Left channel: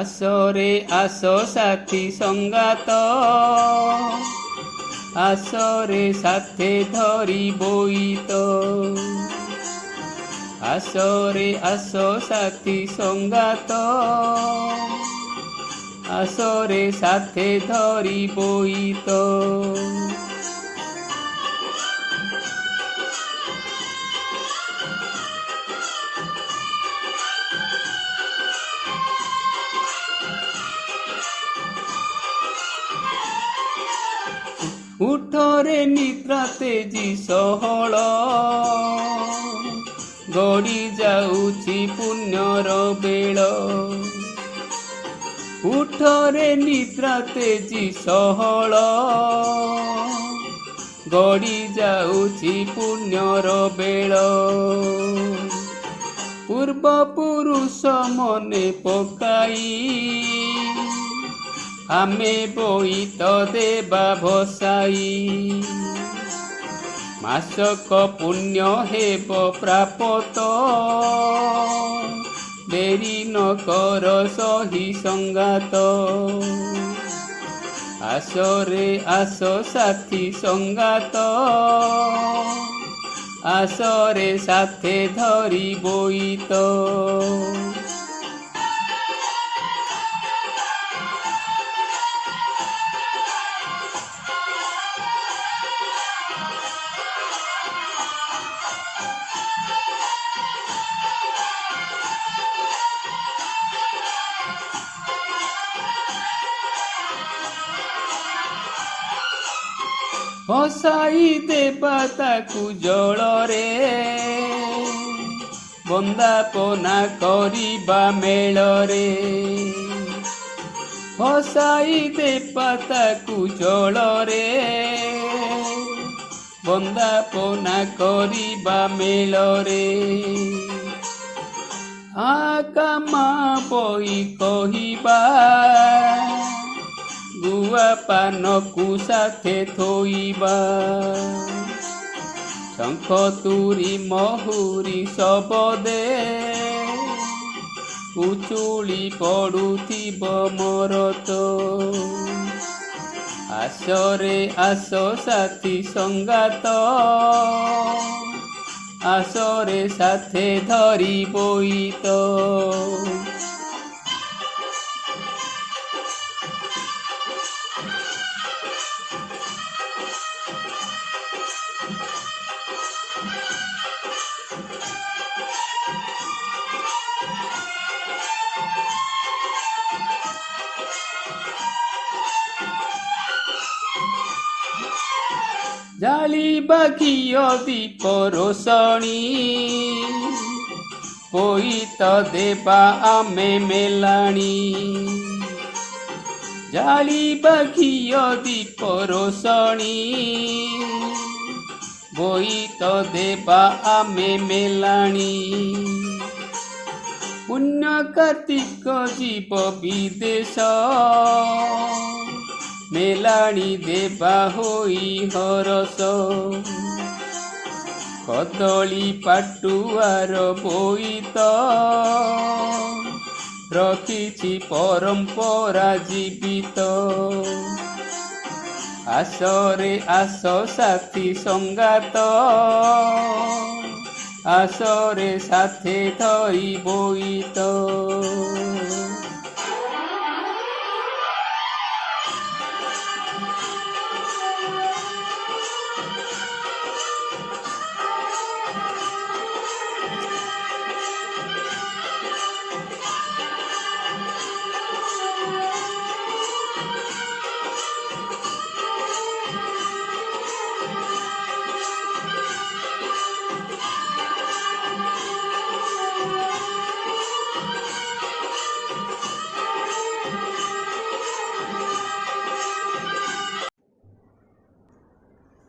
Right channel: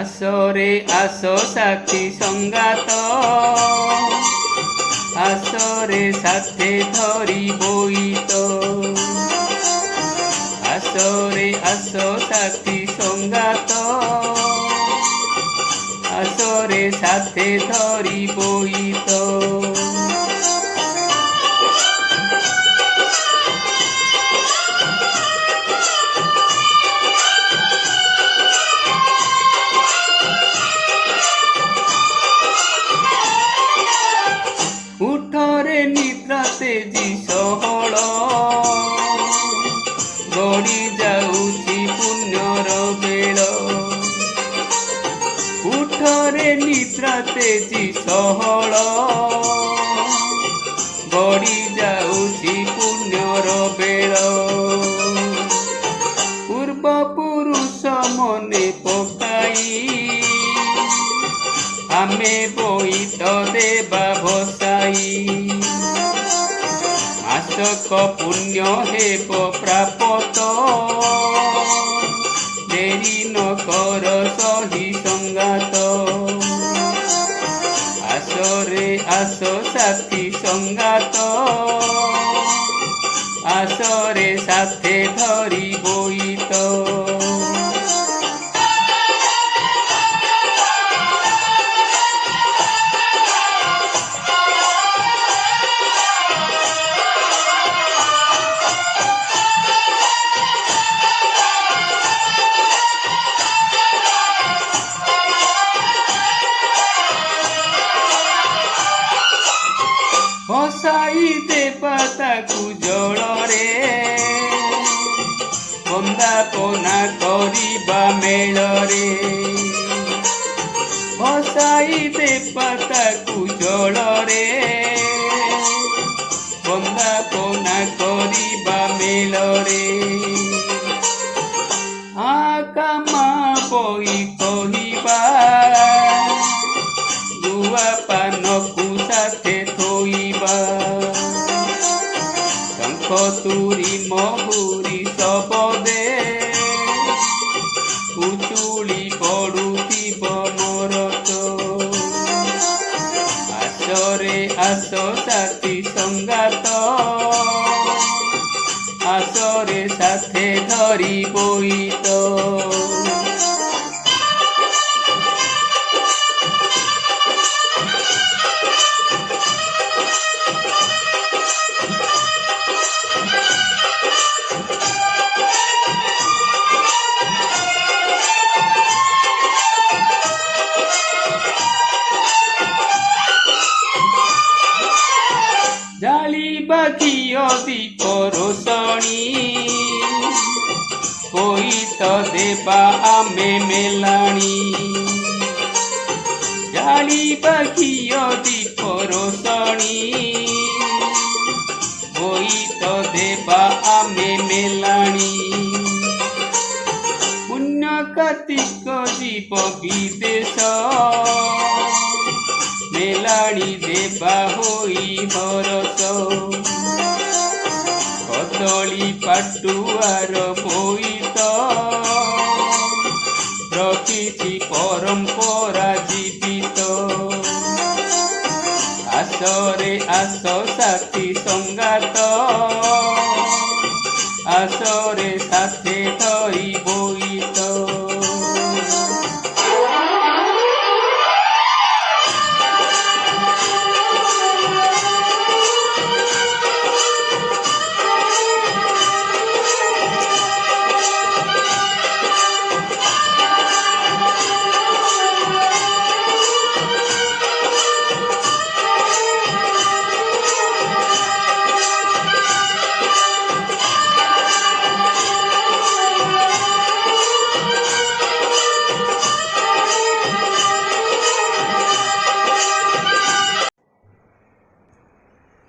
আসরে আসো সাথী সঙ্গাত, আসরে সাথে ধরি বইত। আসরে আসো সাথী সঙ্গাত, আসরে সাথে ধরি বইত। ଉଠରେ ନିଦ୍ରା ତେଜି ସହଳ, ଗଡ଼ି ଯାଉଛି ପୁଣ୍ୟର ବେଳ। ଉଠରେ ନିଦ୍ରା ତେଜି ସହଳ, ଗଡ଼ି ଯାଉଛି ପୁଣ୍ୟର ବେଳ। ପୂର୍ବ ପୁରୁଷ ମନେ ପକାଇ, ଆମେ ବୋଇତ ଦେବା ଭସାଇ। ମାସକ ପୁଣ୍ୟ ହେବ ପ୍ରାପତ, ଡେରି ନ କର ସହି ସଙ୍ଗାତ। আসরে আসো সাথী সঙ্গাত, আসরে সাথে ধরি বইত। ଭସାଇ ଦେବା ତାକୁ ଜଳରେ, ବନ୍ଦାପନା କରିବା ମେଳରେ। ଭସାଇ ଦେବା ତାକୁ ଜଳରେ, ବନ୍ଦାପନା କରିବା ମେଳରେ। ଆକାମା ବହି କହିବା, ଗୁଆ ପାନକୁ ସାଥେ ଥୋଇବା। ଶଙ୍ଖ ତୁରୀ ମହୁରୀ ଶବଦେ, ଉଛୁଳି ପଡୁଥିବ ମରତ। আসরে আসো সাথী সঙ্গাত, আসরে সাথে ধরি বইত। ଜାଳିବା ଘିଅ ଦୀପ ରୋଷଣୀ, ବୋଇତ ଦେବା ଆମେ ମେଲାଣି। ଜାଳିବା ଘିଅ ଦୀପ ରୋଷଣୀ, ବୋଇତ ଦେବା ଆମେ ମେଲାଣି। ପୁଣ୍ୟ କାର୍ତ୍ତିକ ଯିବ ବିଦେଶ, ମେଲାଣି ଦେବା ହୋଇ ହରସ। କଦଳୀ ପାଟୁଆର ବୋଇତ, ରଖିଛି ପରମ୍ପରା ଜୀବିତ। আসরে আসো সাথী সঙ্গাত, আসরে সাথে ধরি বইত।